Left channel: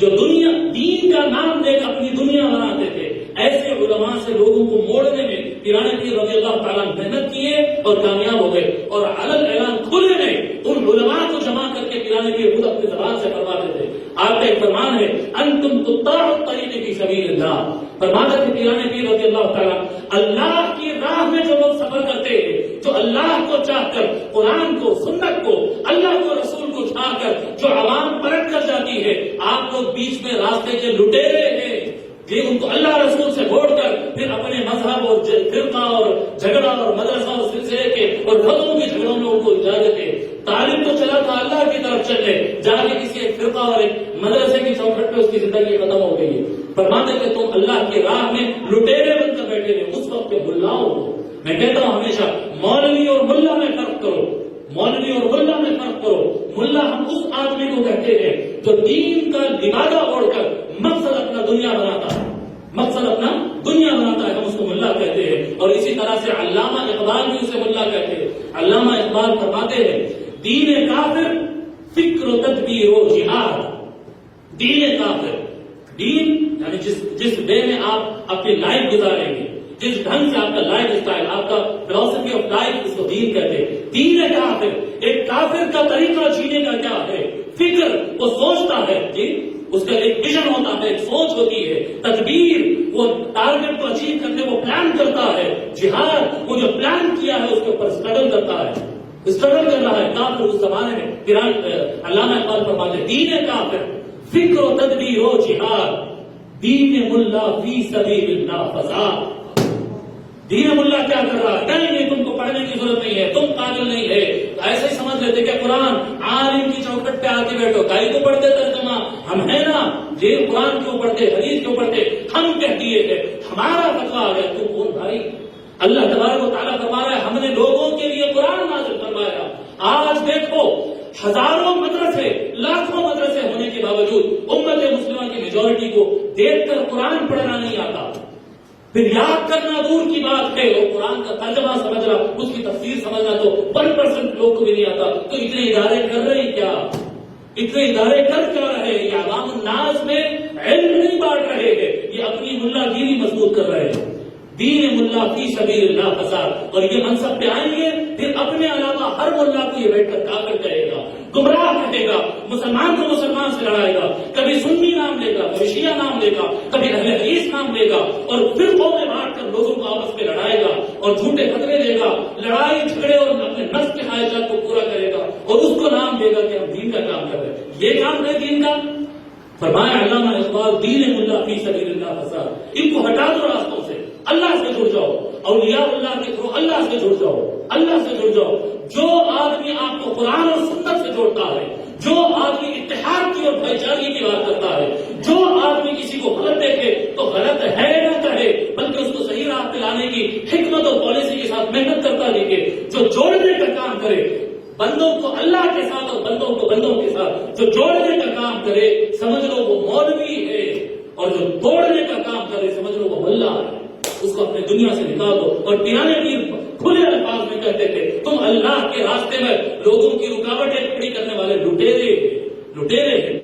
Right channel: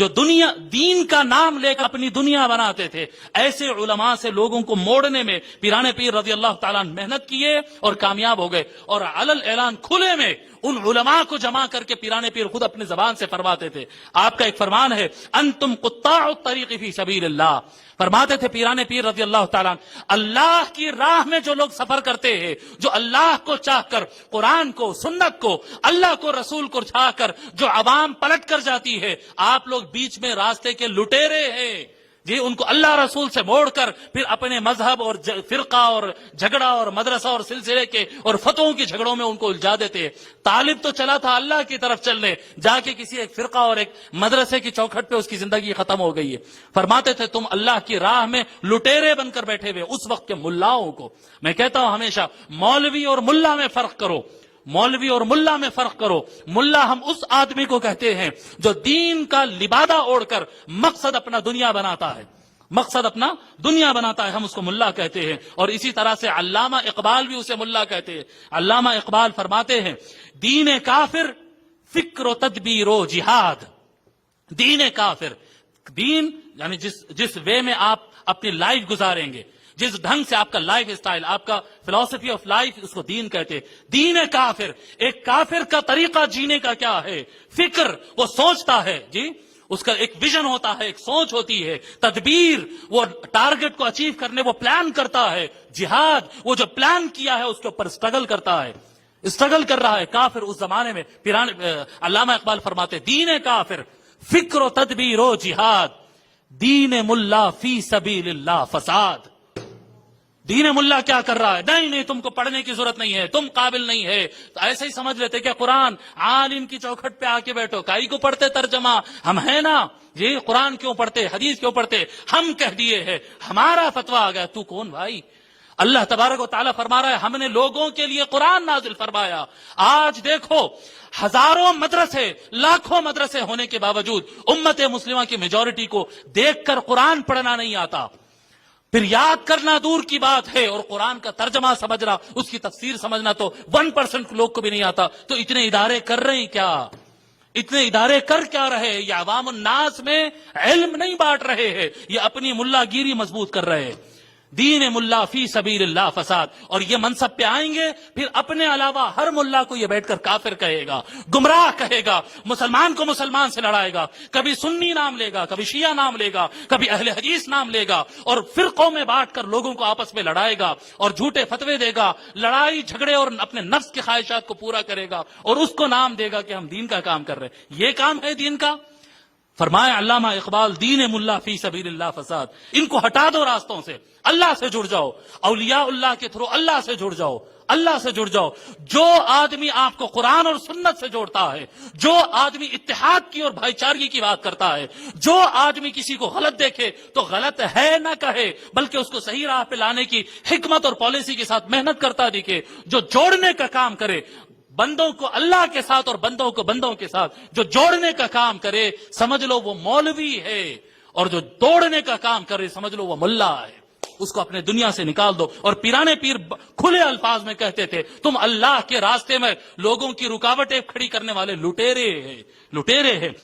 جو دین کا نام لے کر اپنی دنیا بناتے تھے، ایسے علماء سے لوگوں کو موڑنے میں پیران پیر رضی اللہ تعالیٰ محنت کیے اور کامیاب ہو گئے، اور علل اعلان کھلے میں ان علماء کو جمع کر کے پیران پیر خود اپنی زبان سے فرماتے تھے۔ آپ کا ایک فرمان ہے، انتم قطاع الطریق فی سبیل اللہ، فرماتے تھے پیران پیر رضی اللہ تعالیٰ، اللہ کی راہ میں جو لوگ سفر کرتے ہیں، جو اللہ کو چاہ کر، قرآن کو، سنت کو، اللہ کو، رسول کو چاہ کر جو عوام پلٹ کر جاتی ہے، آپ لوگ بیچ میں راستے کے لٹیرے ہیں، یہ ان کو اللہ رسول سے موڑ کر پھر اپنے مذہب اور فرقہ اور جھگڑا اور مدرسہ اور سلسلے کے اور فتووں کے جھگڑوں میں ان کو الجھا دیتے۔ تعلیم تو چلا تھا اللہ کی طرف چلنے، جا کے کسی ایک فرقہ اور ایک مدرسے کی چوکھٹ پہ اس کی زندگی ختم ہو گئی ہے۔ فرماتے تھے تم اللہ کی راہ میں لٹیرے بن کر بیٹھے ہوئے اس وقت کے ملاؤں کو، میں کہتا ہوں ہمیشہ مولوی اور ملا میں فرق کرو، مولوی اور ملا میں فرق کرو۔ ملا ہم اس آدمی کو کہتے ہیں جو دین کا لبادہ اوڑھ کر مقصد اپنا دنیا بناتا ہے، مقصد اپنا دنیا بناتا ہے، ہم اس کو ملا کہتے ہیں۔ اور اسی طرح سے علامہ اقبال بھی اسے ملا کہتے ہیں۔ علامہ اقبال فرماتے ہیں، دین کافر فکر و تدبیر و جہاد، دین کافر، دین یعنی جس وے میں آپ اپنی لائف گزاریں گے، جس ڈھنگ سے آپ کا لائف اسٹائل، آپ کا فلسفی آف لائف، اس کو دین کہتے ہیں۔ دین کافر، ایک کافر کا طریقہ جینے کا کیا ہے؟ فکر، وہ سوچتا ہے، جی اس کا ایک ویژن ہوتا ہے، ایک سوچ ہوتی ہے۔ تدبیر، وہ ٹارگٹ کو اچیو کرنے وہ پلان کرتا ہے۔ جہاد، وہ جو پلان کیا ہے اس کے اوپر اسٹرگل کرتا ہے، اسٹرگل کر رہا ہے۔ کافر اس زمانے میں علامہ اقبال فرماتے ہیں، دین کافر فکر و تدبیر و جہاد، دین ملا فی سبیل اللہ فساد۔ دین ملا کیا کر رہا ہے؟ نہیں تم کو پڑھنے کی ضرورت نہیں ہے، تم قابل نہیں ہے، ایسے ہی سمجھ لیتے کہ قرآن عالم کی چوکھٹ پہ آ کے بیٹھو، کائی کو پڑھتے ترجمہ، ہم ہیں نا، یہ قرآن کیوں پڑھتے، حدیث کیوں پڑھتے، ہم کہہ دیے ہیں، ہمارا فتویٰ آ گیا، تو کون بھائی؟ اللہ تبارک و تعالیٰ فرما رہا ہے ہم نے لوگوں کے لیے قرآن نازل فرمایا۔ آج دیکھو ہزاروں مدرسے، لاکھوں مدرسے ہونے کے باوجود امت مسلمہ کی میجورٹی کو دیکھ کر قرآن پڑھنا نہیں آتا، پھر یاد کرنا دور کی بات ہے، اور قرآن کا ترجمہ سمجھنا، اس کی تفسیر سمجھنا تو 1% لوگ کو بھی نہیں آتا۔ تو اتنے ادارے کر رہے ہیں کیا؟ اتنے ادارے کر کیا رہے ہیں؟ یہ عوام الناس میں علم نہیں بانٹ رہے ہیں، یہ اپنی ملا گیری مضبوط کر رہے ہیں۔ دین ملا فی سبیل اللہ فساد، اور یہ منصب پہ آئیں گے پھر اپنے علاوہ ہر ملا کو یہ بیٹھ کر کافر کہے گا، گمراہ کہے گا، مسلمان کو مسلمان سے لڑائے گا، کبھی سنی نام لے گا، کبھی شیعہ نام لے گا، کبھی اہل حدیث نام لے گا، اور فرقوں میں بانٹ کر لوگوں کو آپس میں لڑائے گا اور جھوٹے فتوے دے گا، لڑائی جھگڑے اور اپنے نفس کے خواہشات کو پورا کرے گا، اور اس کو نام دے گا کہ ہم دین کا کام کر رہے ہیں۔ یہ کام ہے دین کا؟ فرمایا علامہ اقبال، دین ملا فی سبیل اللہ فساد، ان کو ہٹا دو راستوں سے، اللہ سے جڑ جاؤ، اولیاء اللہ کے تھرو اللہ سے جڑ جاؤ، اللہ سے جڑ جاؤ۔ جو آدمی آپ کو قرآن اور سنت سے جوڑتا ہے، جو آدمی اتحاد کی اور بھائی چارگی کی بات کرتا ہے، جو آدمی کسی کو غلط دیکھے تو غلط ہے نہ کہے، بلکہ اس کو صحیح راہ پہ لانے کی حکمت اور پالیسی کے ساتھ محنت کرتا دکھے، جو جوڑنے کا کام کرے، بندوں کو اللہ کے ساتھ اور بندوں کو بندوں کے ساتھ جو جوڑنے کا کام کرے، سمجھ لو وہ مولوی ہے، اور جو توڑنے کا کام کرے سمجھ لو وہ ملا ہے۔ اس کو اپنے دنیا سے نکال دو۔ اور پیرانے پیر کھلے الفاظ میں کہتے تھے، تم اللہ کے راستے میں لوگوں کی رکاوٹیں کھڑی کرنے والے لٹیرے ہیں۔